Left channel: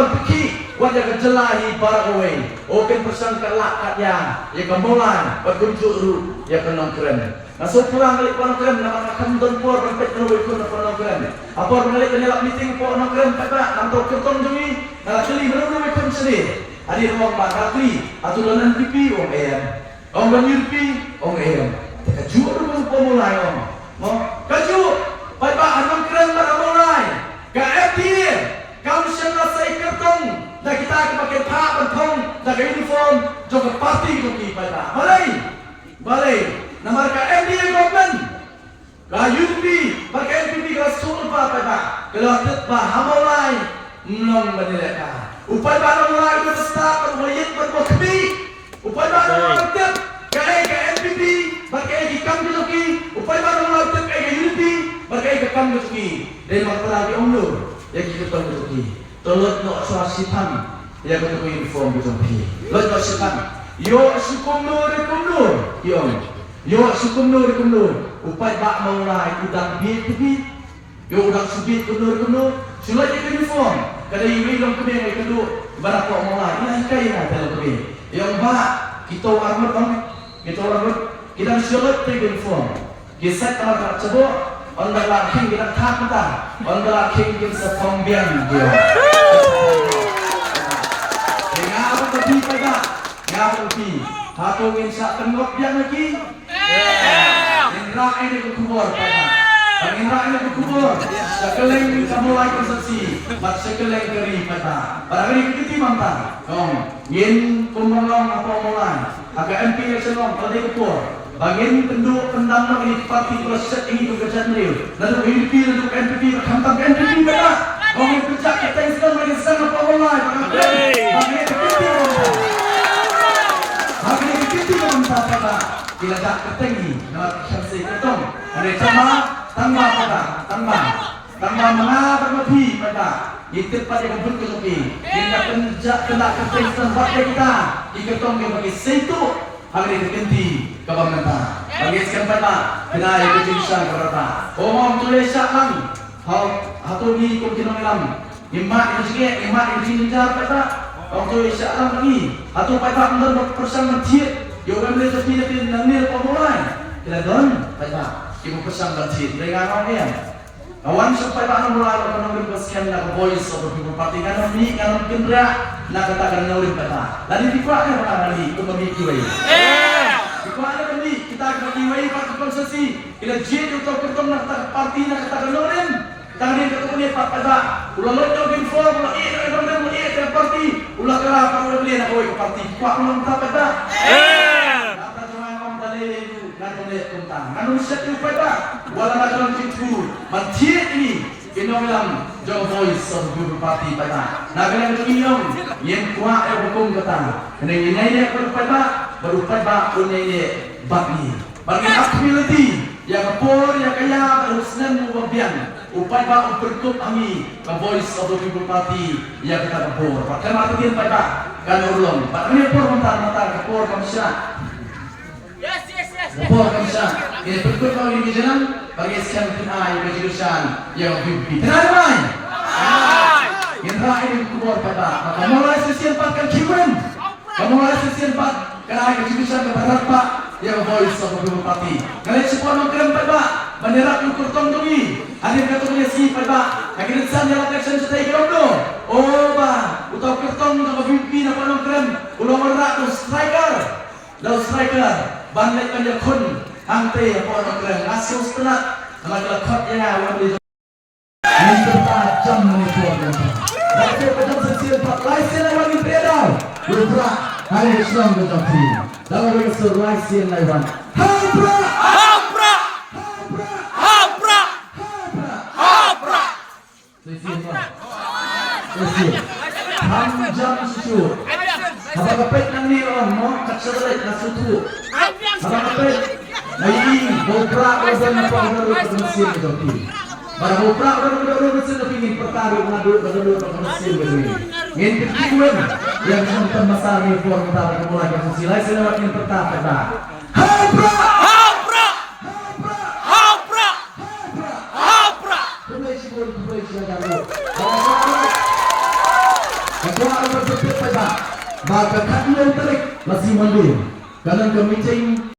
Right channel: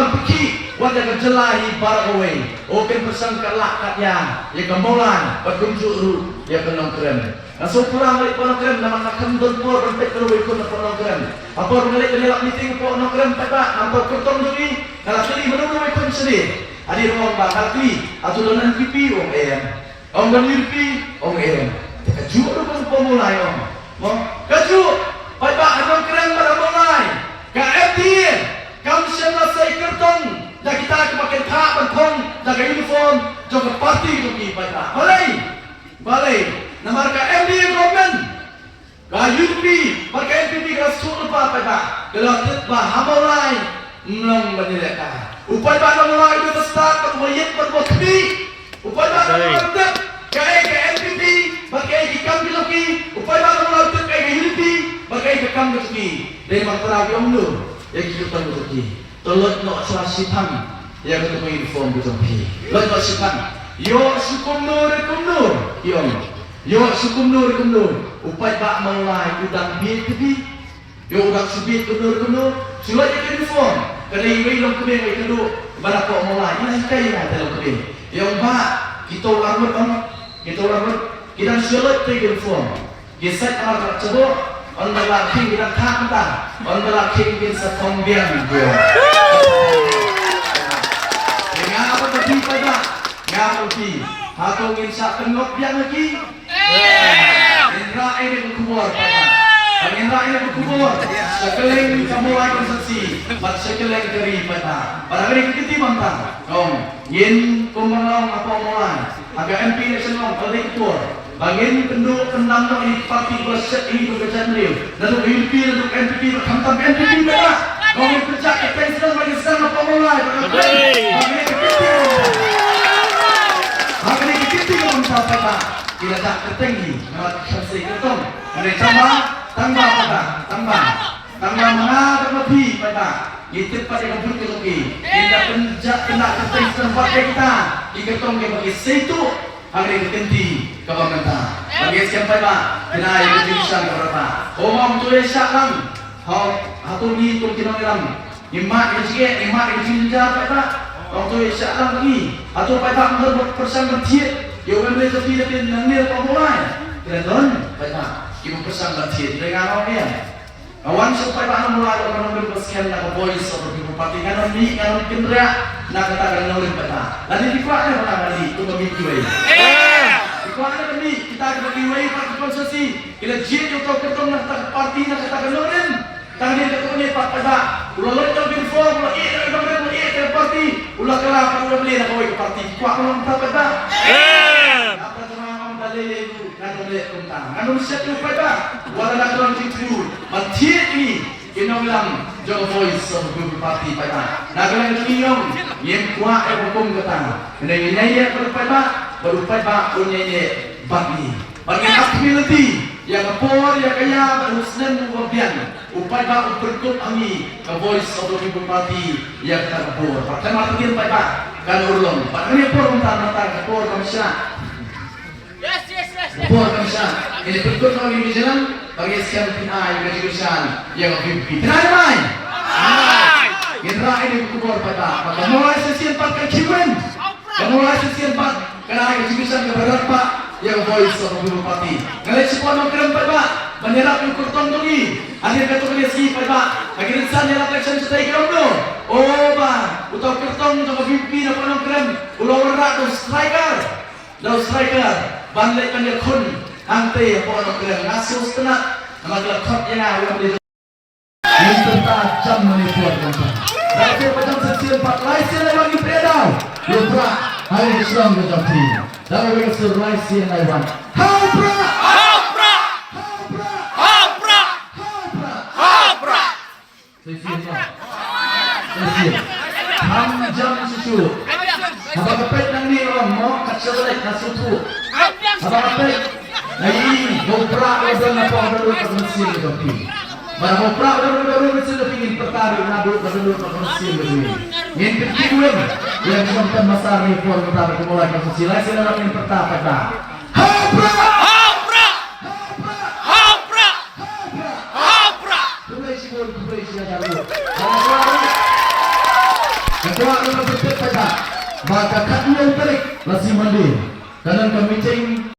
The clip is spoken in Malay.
on peki wanda ka jelahi para away open pesan kelak katya ya kemulan berkunjuru ya kenongkren so pulang balik penongkren nama akan donpor rentek terus ikut penongkren apa balik kenelak meeting penongkren pada nampak kertong dungi kalau pilih menurut ikut sedih adir ruang bakal pilih atau donan pipi om om berlipi om kaju orang pemulai om kaju baik anong keren pada mulai ke FDN kamu sana saya kertong dah kita pakai tak bentong dah uniform jauh parti tu ki baik balai nama ke FDN government ke UP pakai NPP ke sul apa baik kalau tetap hamulai menang menilai upaya baru mulai berstart berwujud berbukti upaya baru mulai ke NPP pakai ikam biloki upaya baru mulai ke UP pakai ikam biloki dari masalah di omnur yang kita biloki tolong nak serasipan yang kita uniform biloki lot serasipan yo sukumnur yo sukumnur upaya baru mulai udang BPP yo udang subit kunur sulit uniform kada iwi long kuning ay kadu bara ko mulai ini kay na dalam kuning yang ba kita armut kita sulit uniform gesat amar cebo onda laking kita takta onda laking kita pembiang dia dengan apa tadi pada ngapa ti hatungin sa tengok biang lagi indra ini berkubur pada Pangindra ini berkubur sekeleng kamu lagi konsumsi mat sekeleng keri pada pada hari kita mantang yin pemerong apa mulai agak MP election kalau dikubur bagian penduk pendam ini parti berset ini bekerja sendiri dan UP untuk NPP berkantam NPP pada yang kerja kita yang sedang bagi sedang apa mulai bagian kita mantap pada tidak tak ketinggi mat selesai ketong ada sama tambah mana terlebih pada itu pada kebun keluki kita kerja kena kerja tempat kita iketong yang bagi situ hari kenti kebangan bagi sekian pada kena kejurusan berapa omong tulis sakang hatu ni tu kita ngilang imat ini pada om tulis sakang lagi hatu pada menurut persan bertiap yo boleh tapi nangil pemulai kredon pada Ibu pesan bercit dengan orang kawan supaya pak mulai orang orang bersekian nak voice of people party kan mi kan kendra nak katakan nolin peta lalu dikuatkan orang lagi untuk begitu dikuatkan mi kita bagi way parti konsumsi bila jin untuk ketemu nak parti nak katakan nolin tangan ketemu ni pak pada ulah lotong info ulah parti ulah kelah ulah beli nak way parti kuat orang tak pada Anu set upaya ba wala na karon kitu mantiet ini kinong lang jong voice of the party pada nagalang kiyong yang kuat hukum kata nenginaya berupaya ba berupaya ba unyaya bagi ability yang por yang kaya berhusnan wabian upaya ba berkup angi ke voice of the party yang kata por pertama tin ba kan ulong ba ni por mata por kamsya Buat kamsa, ini berikut kau ini jalan bagi sekian pihak yang kejurusan yang pimpin. Kenapa main? Indra ini kubur pada, maka mulai sesi 4 kan kiwen, mulai sesi 4 kena kejurusan keberapa yang voice of the party. Kalau semua nongkrong pada, menerap yang kurtong tungi, akhir kata koalisi pada, akhir insan yang election sudah ikut oh ba, utau kurtong untuk pimpin apa nongkrong, ulang merak tu striker. Bandai panjang kun ante apa orang keren ngasus tenak nama kelakot yang awam di yang tertajam menipuan nanti macam sesian 4 laisen yang lagi pedal lubra hari Islam macam ini dalam bagi seluruh laisen laiwan hapra sesian panjang susu apa kepet nang ni mau kakselet nasutu apa kepet lagi gopra odon apa odon mesin kopi bara gopra odon mesin pingin pertaruh nadu odon mesin kopi ingin kedua yang sempat masalah ni for pertaruh mulai kasih lain lewat yang pertama pada hapra Ketua orang bersepeda, maka kalian tarik lasi mandir. Kanan kami ceng